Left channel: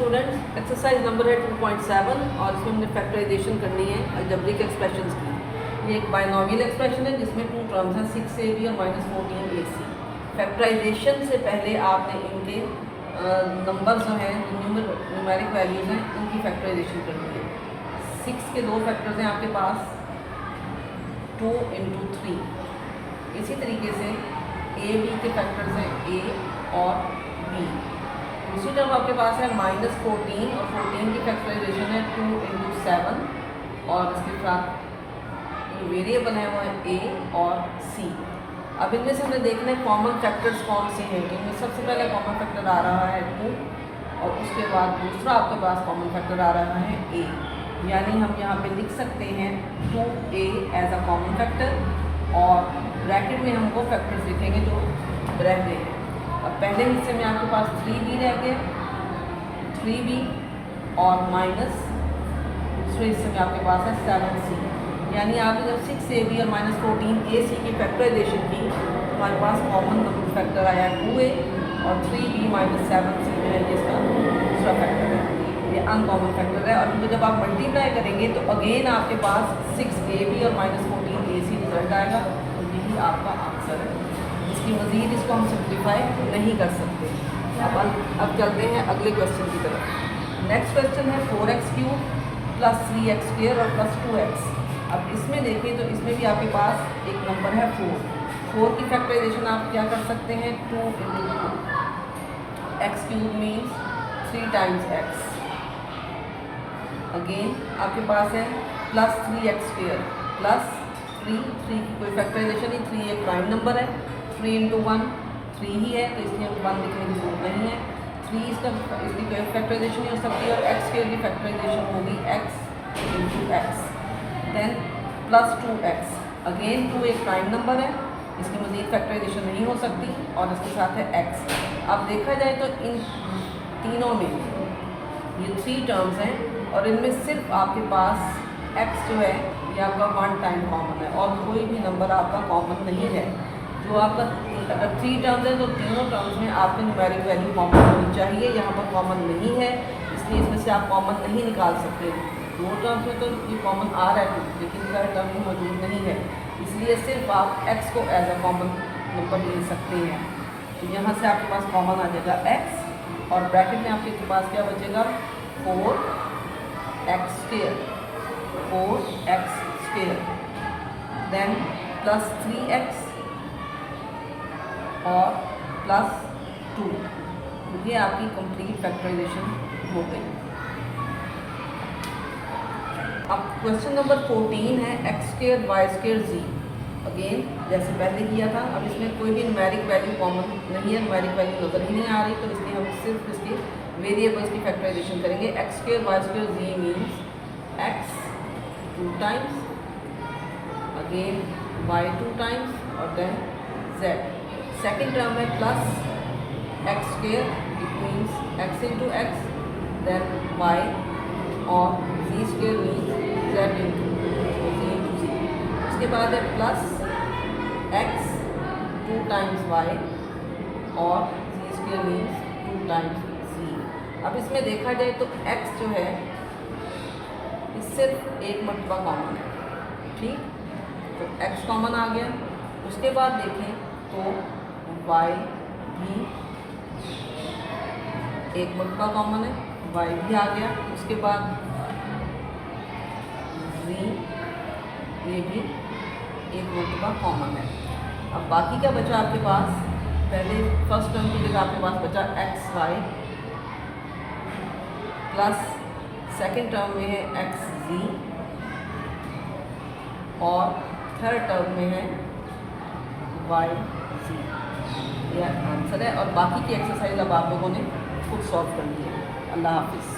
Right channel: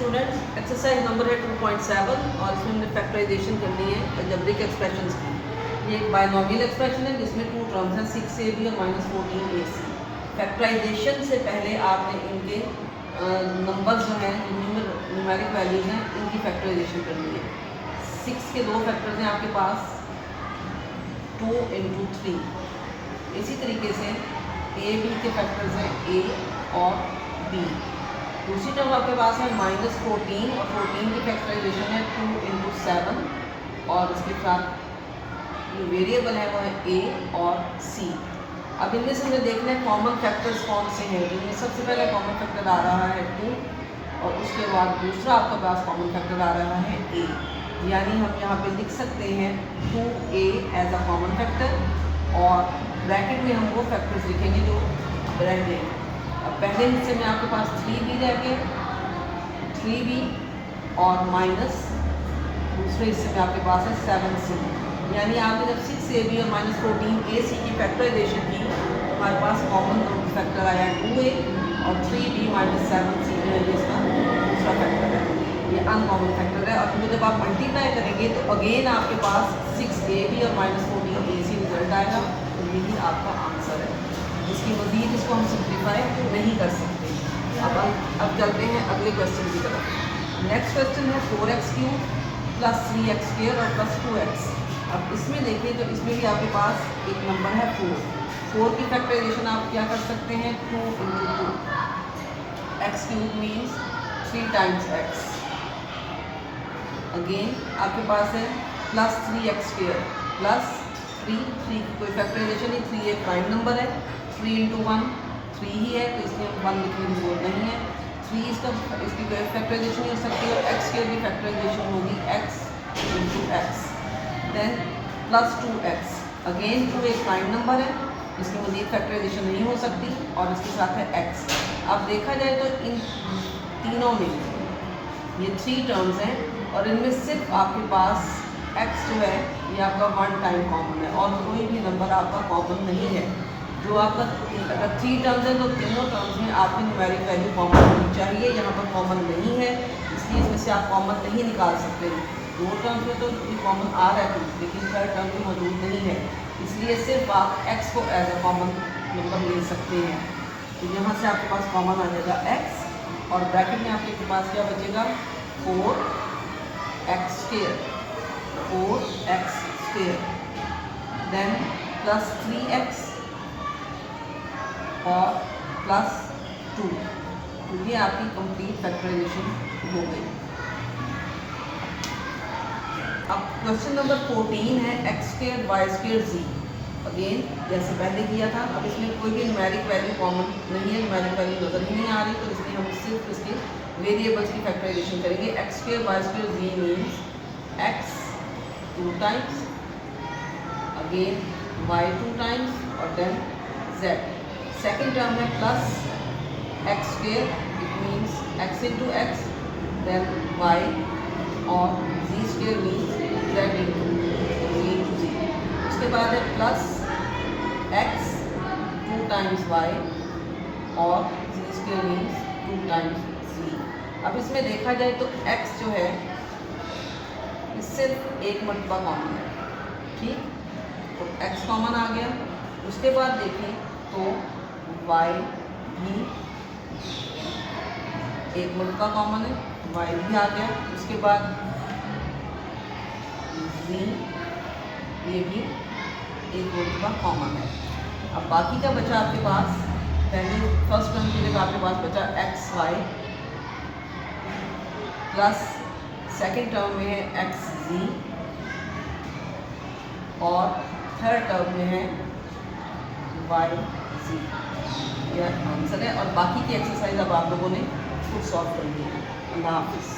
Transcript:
Students, exercise number है 2.7 और इसमें हमने फैक्टराइजेशन करनी है अलजेब्रिक एक्सप्रेशंस की। ये एक बायनॉमियल एक्सप्रेशन है जिसमें 2 टर्म्स हैं 6ab और -14ac। फैक्टराइजेशन से पहले आपने इनके नंबर्स जो हैं न्यूमेरिक वैल्यूज हैं इनकी फैक्टराइजेशन करनी है। 6 के 2 फैक्टर्स हैं आपके पास 2 × 3। इसी तरीके से ab के फैक्टर्स हैं a और b। दूसरी टर्म आपके पास है -14 और 14 की फैक्टराइजेशन है 2 × 7 और इसके साथ ये वेरिएबल है वो है a और c। अब इनमें से हमें देखना है कॉमन फैक्टर्स कौन से हैं। इनमें सबसे पहला कॉमन फैक्टर आ रहा है 2 और उसके बाद दूसरा आपके पास कॉमन फैक्टर आ रहा है a, यानी हम यहाँ पे लिख सकते हैं 2a as a common factor और ब्रैकेट में हम वो फैक्टर्स लिखेंगे जो रह गए। अब पहले हिस्से में आपके पास 3b रह गए 3b और माइनस दूसरे हिस्से में आपके पास है 7c, यानी आपने जब 6ab और -14ac की फैक्टराइजेशन की तो हमारे पास कॉमन फैक्टर आया 2a और 3b - 7c में है इसका दूसरा फैक्टर है, ये अनकॉमन फैक्टर है। और इनको जब आप मल्टीप्लाई करेंगे तो अगेन आपके पास 6ab और -14ac रिजल्ट आएगा और यही आपका आंसर है। इसकी मज़ीद इसको हम सिंप्लीफाई नहीं कर सकते। अब चलते हैं अगले क्वेश्चन की तरफ। नेक्स्ट क्वेश्चन है 4x³ + 3x² और +2x। अब इसमें देखें तो इसमें भी आपके पास एक नंबर है 4 की फैक्टराइजेशन आप क्या कर सकते हैं 2 × 2 x³ means 3 times x। Again आपके पास है +3x² + 3 की कोई फैक्टराइजेशन नहीं, 3 एक प्राइम नंबर है, 3 × 1 3 ही है तो इसमें 1 लिखने की जरूरत नहीं है। 3 इसकी कोई फैक्टराइजेशन नहीं हो सकती और x की फैक्टराइजेशन होगी x × x। Then +2x, again 2 एक प्राइम नंबर है, इसकी मज़ीद फैक्टराइजेशन नहीं हो सकती और इसके साथ है x। अब देखा जाए तो इन तीनों में ये 3 टर्म्स हैं और इनमें सिर्फ आपके पास x जो है ये आपका 1 टाइम कॉमन है और कोई भी नंबर आपका कॉमन नहीं है। जो आपका अगर 3 टर्म्स है तो तीनों टर्म्स में आपकी न्यूमेरिक वैल्यू कॉमन होनी चाहिए, यहाँ पर कॉमन नहीं है इसलिए इसमें से आप कॉमन नहीं निकाल सकते। 2 टर्म्स में तो ये कॉमन आ रहा है लेकिन थर्ड टर्म में मौजूद नहीं है, इसलिए सिर्फ आप x को एज अ कॉमन नंबर ले सकते हैं। तो यहाँ से आपके पास कॉमन आ जाएगा x और ब्रैकेट में आपके पास क्या बचेगा 4x², देन +3x और +2। ये आपकी कंप्लीट फैक्टराइजेशन हो गई। अब क्वेश्चन नंबर 14 है x² y² z। अगेन जैसे पहले किया था, अब इसमें कोई भी न्यूमेरिक वैल्यू कॉमन नहीं है, न्यूमेरिक वैल्यू नजर ही नहीं आ रही तो इसलिए हम सिर्फ इसके वेरिएबल्स की फैक्टराइजेशन करेंगे। x² y² z means x 2 times, again y 2 times और देन z। सेकेंड टर्म है +x², it means x × x, then y और z² मीन्स z × z। उसके बाद है +x 2 टाइम्स y और z² मीन्स 2 टाइम्स z। अब इसमें देखा जाए तो x जो है सिर्फ एक मरतबा कॉमन है, ठीक, तो x कॉमन आ गया। उसके बाद देखें तो y भी एक मरतबा कॉमन है, y भी आ गया। उसके बाद z ये भी एक मरतबा कॉमन है। अब बाकी क्या बचा आपके पास, पहले फर्स्ट टर्म के लिए आपके पास बचा xy प्लस सेकेंड टर्म में है xz और थर्ड टर्म में है yz। यह आंसर है और बाकी की एक्सरसाइज अब आप लोगों ने खुद सॉल्व कर ली है। अल्लाह हाफिज़।